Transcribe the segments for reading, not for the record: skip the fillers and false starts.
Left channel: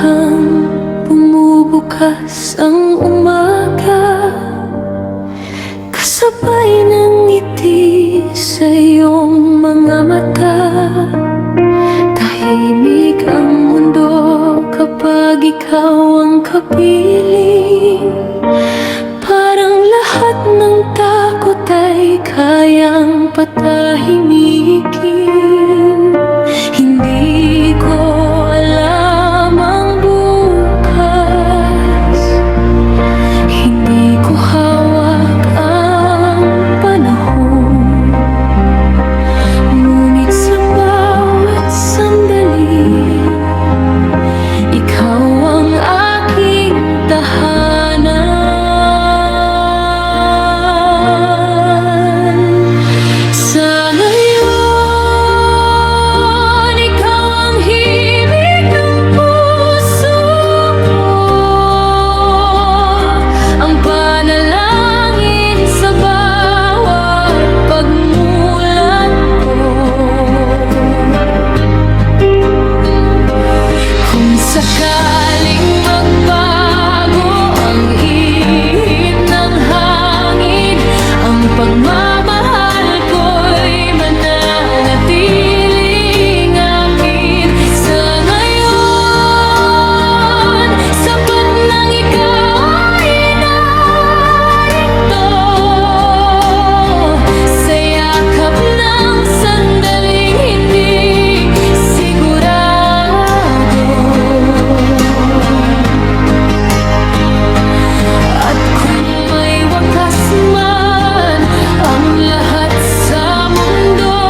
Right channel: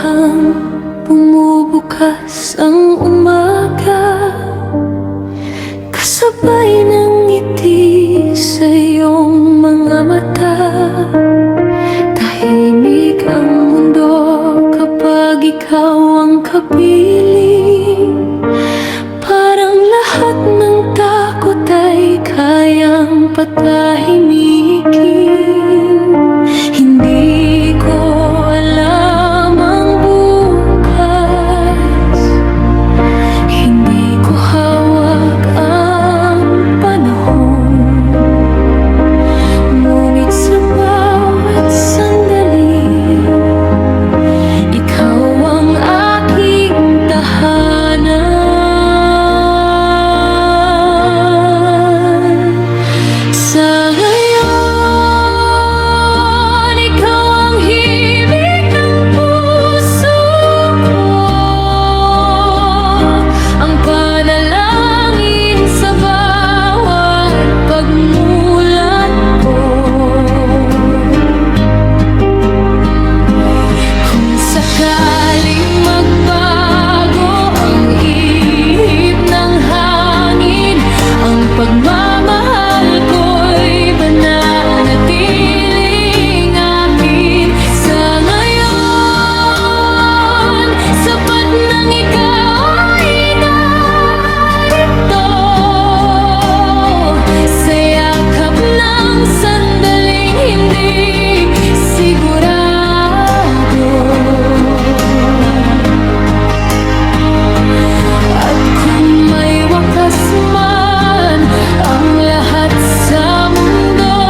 Habang bumubukas ang umaga, kasabay ng ngiti sa iyong mga mata. Tahimik ang mundo kapag ikaw ang kapiling. Parang lahat ng takot ay kayang patahimikin. Hindi ko alam ang bukas, hindi ko hawak ang panahon. Ngunit sa bawat sandali, ikaw ang aking tahanan. Sa ngayon, ikaw ang himig ng puso ko, ang panalangin sa bawat pagmulat ko. Kung sakaling magbago ang ihip ng hangin, ang pagmamahal ko'y mananatiling akin. Sa ngayon, sapat nang ikaw ay narito, sa yakap ng sandaling hindi sigurado. At kung may wakas man ang lahat sa mundo,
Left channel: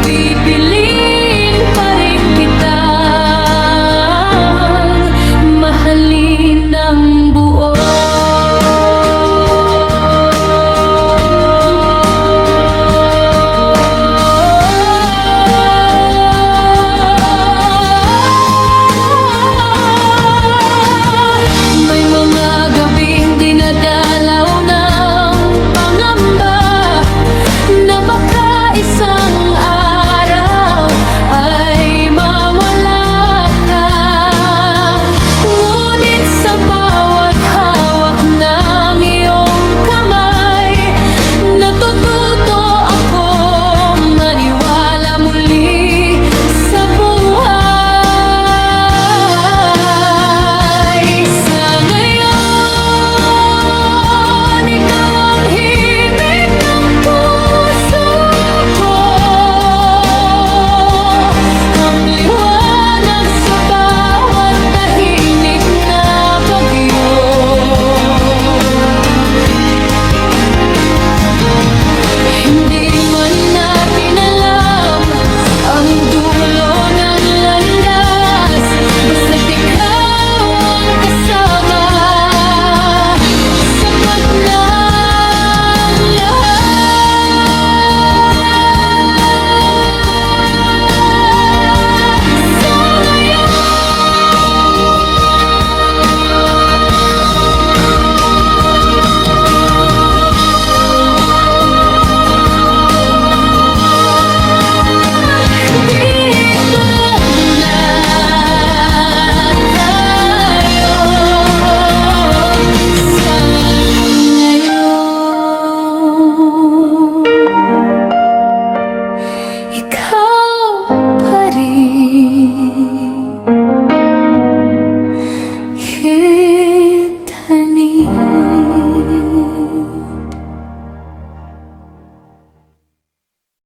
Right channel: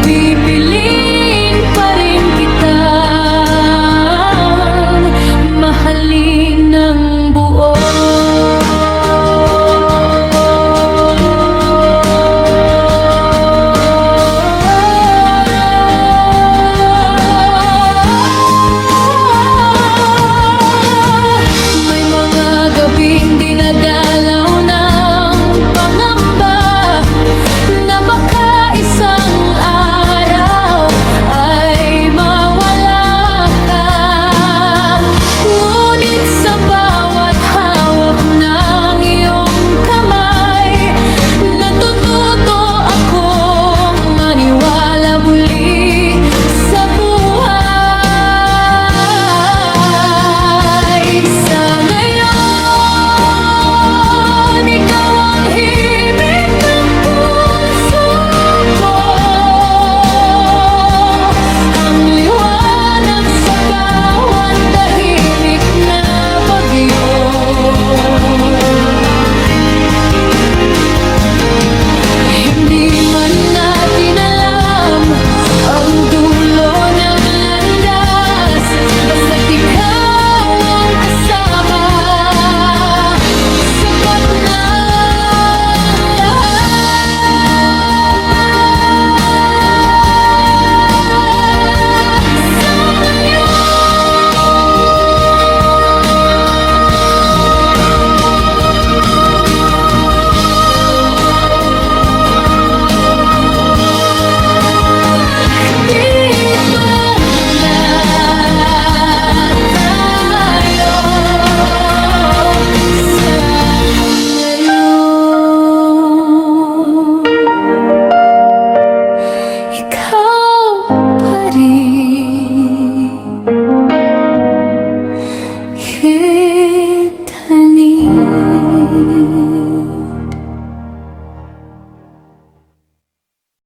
pipiliin pa rin kitang mahalin ng buo. May mga gabing dinadalaw ng pangamba na baka isang araw ay mawala ka. Ngunit sa bawat hawak ng iyong kamay, natututo akong maniwala muli sa buhay. Sa ngayon, ikaw ang himig ng puso ko, ang liwanag sa bawat tahimik na bagyo. Hindi man natin alam ang dulo ng landas, basta't ikaw ang kasama, sapat na ang lahat. Sa dito muna tayo. Sa ngayon, ikaw pa rin.